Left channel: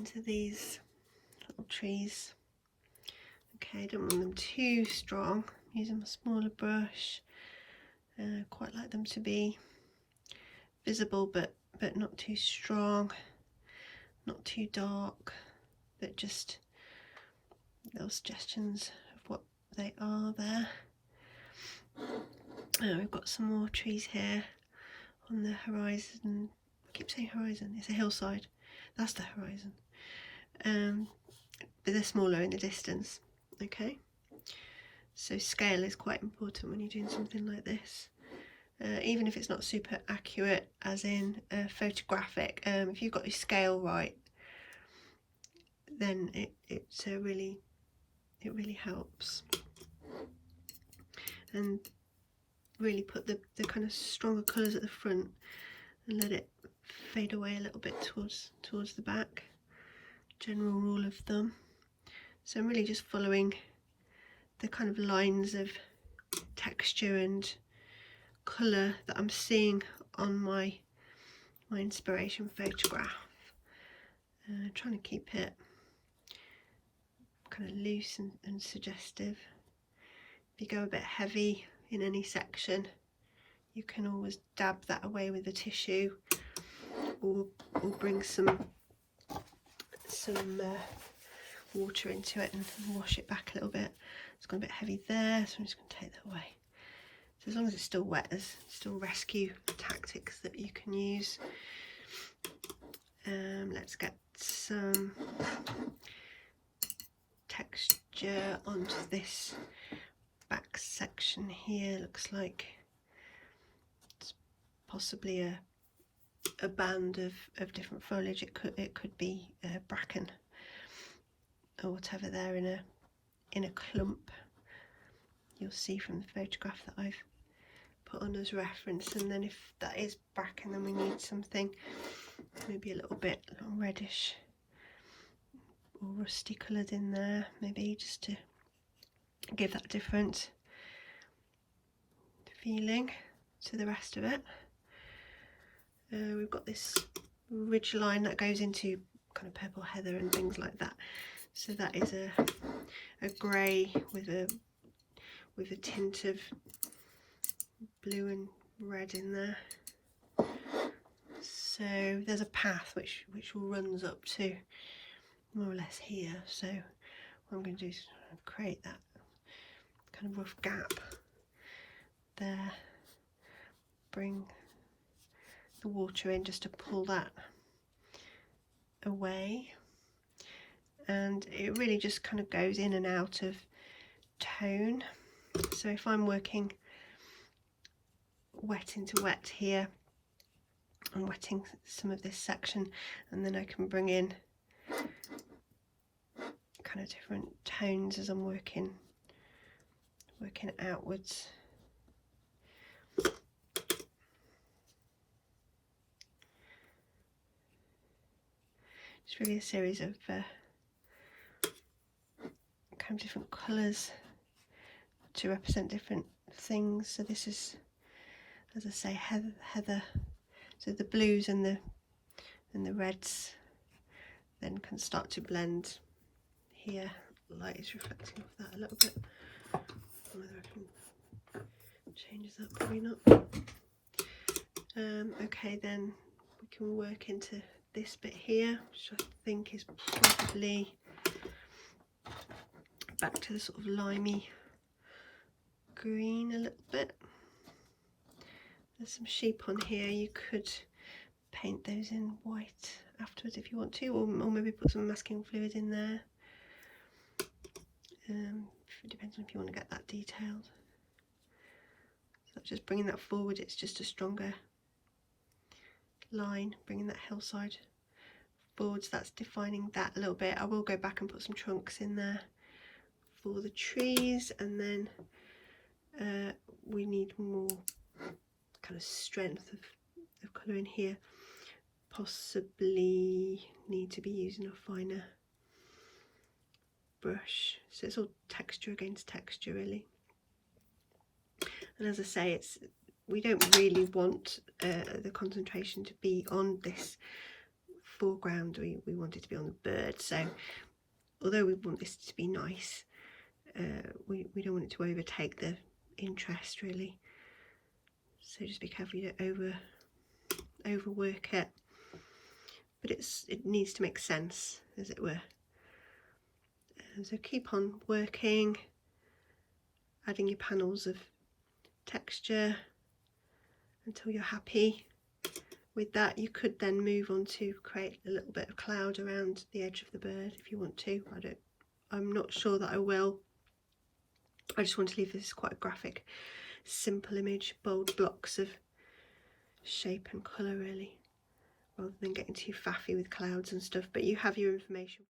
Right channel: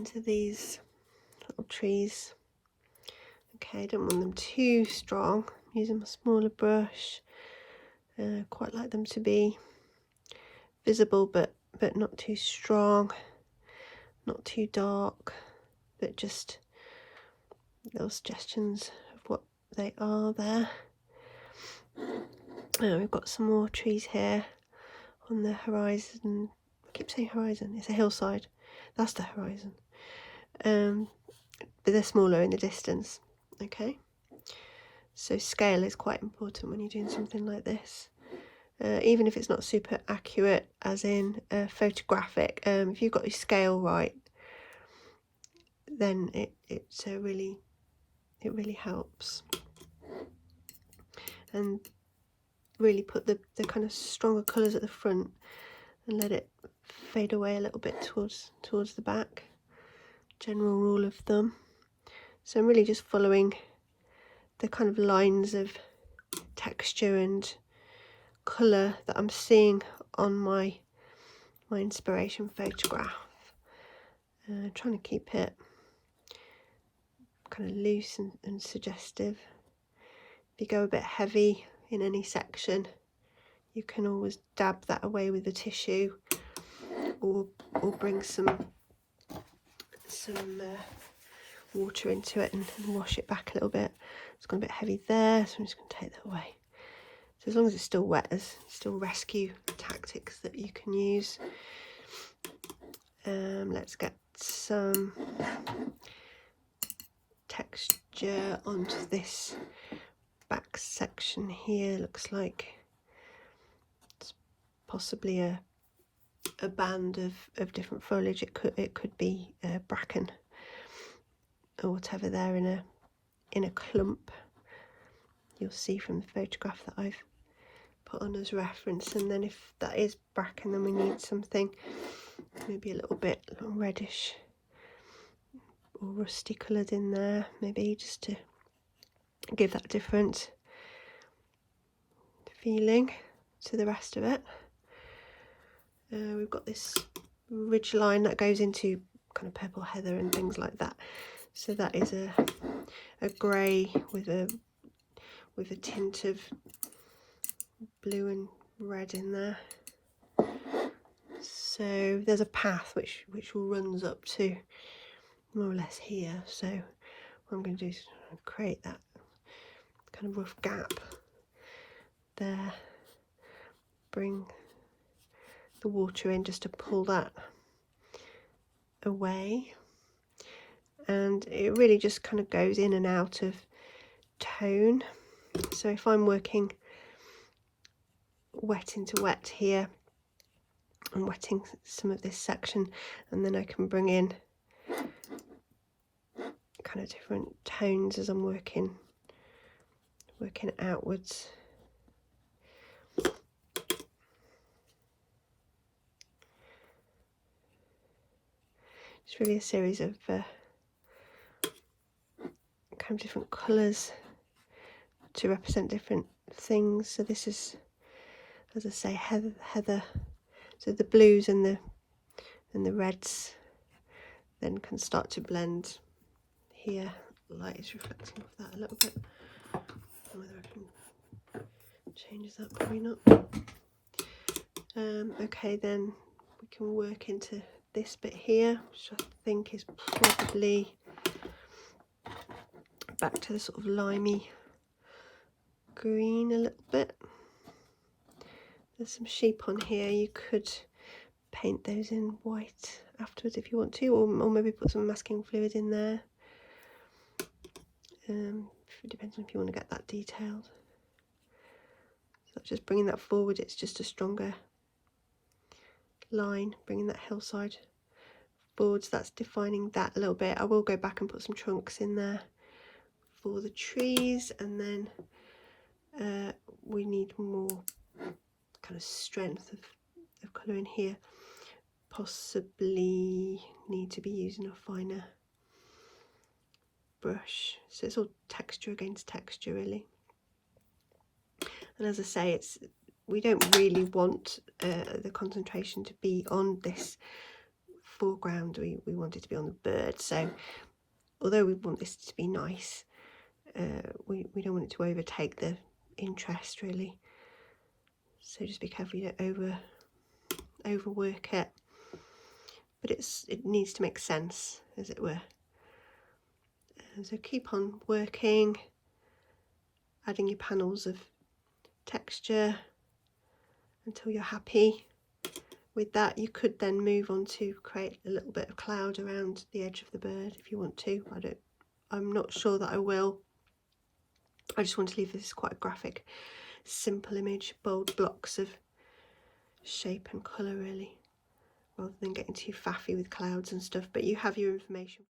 into these little trees. Okay, I don't want them too strong. I'm using my smaller brush. Quite like them to be visible, but not too strong, not too dark, but just little suggestions of what they are there. We've got some more trees here on the horizon. I keep saying horizon, it's a hillside. That's the horizon. But they're smaller in the distance. Okay, so scale is quite important when you're doing something like this. Even if it's not super accurate, as in photographic, if you've got your scale right, then it really helps, and really put the kind of stronger colours at the front and let it fade away a little bit towards the back. General rule of thumb. So I'm really just following the kind of lines of texture and colour that I'm seeing on my inspiration photograph. Trying to keep it kind of loose and suggestive. If you go a bit heavy in any section, you can always dab that away with the tissue, or bring some water into it and wash it back a little bit. It's gone a bit heavy there, so I'm just going to take that away. So as long as it's still wet, there's still rescue tactics that you can use. Let's get some texture onto this back section here. Looks like it's possibly a band of different foliage. It could be bracken or whatever there in a clump. You'll see from the photograph that I've put on as reference. And then if that is bracken, then we need something maybe a little bit reddish or rusty coloured in there, maybe just to give that different feeling to the rest of it. We've got this ridge line that goes into kind of purple heather and things like that. So that is a grey with a tint of blue and red in there. So there's a path which runs up to more or less here. So what I'm going to do is create that kind of rough gap there, bring the water in just to pull that away, and it really just kind of goes in and out of tone. So if I'm working wet into wet here, I'm wetting some of this section, and then I can bring in kind of different tones as I'm working outwards. It's really a series of kind of different colours to represent different things. So this is, as I say, heather. So the blues and the reds then can start to blend here. Light is reflecting off that a little bit. Whether I can change that, probably not. Okay, then we can work into this bit here, which I think is probably back to the sort of limey green a little bit. There's some sheep on here. You could paint those in white afterwards if you want to, or maybe put some masking fluid in there. It depends on if you want to get that detailed. So just bringing that forward, it's just a stronger line, bringing that hillside forwards. That's defining that a little bit. I will go back and put some trunks in there for the trees, and then we need more kind of strength of colour in here. Possibly need to be using a finer brush. So it's all texture against texture really. And as I say, we don't really want the concentration to be on this foreground, we want it to be on the bird. So although we want this to be nice, we don't want it to overtake the interest really. So just be careful you don't overwork it. But it needs to make sense, as it were. So keep on working, adding your panels of texture until you're happy with that. You could then move on to create a little bit of cloud around the edge of the bird if you want to. I'm not sure that I will. I just want to leave this quite a graphic, simple image, bold blocks of shape and colour really, rather than getting too faffy with clouds and stuff. But you have your information.